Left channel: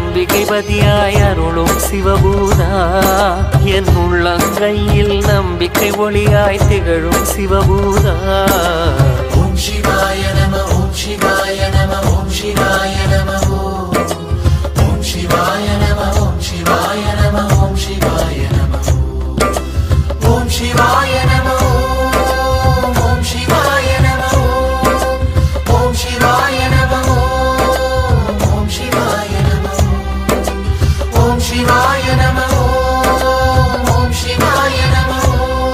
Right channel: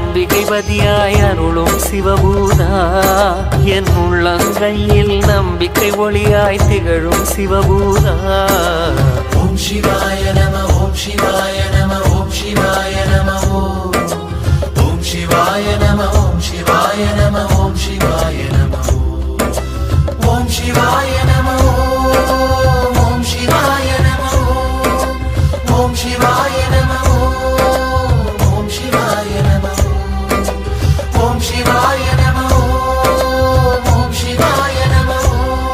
அம்பிகை பதியாய அருளும் சிவபூதா என் உள்ளங்கையில் நம்பிக்கை ஒளியாய் திகழும் சிவபூதா ஓம் சிவாய நம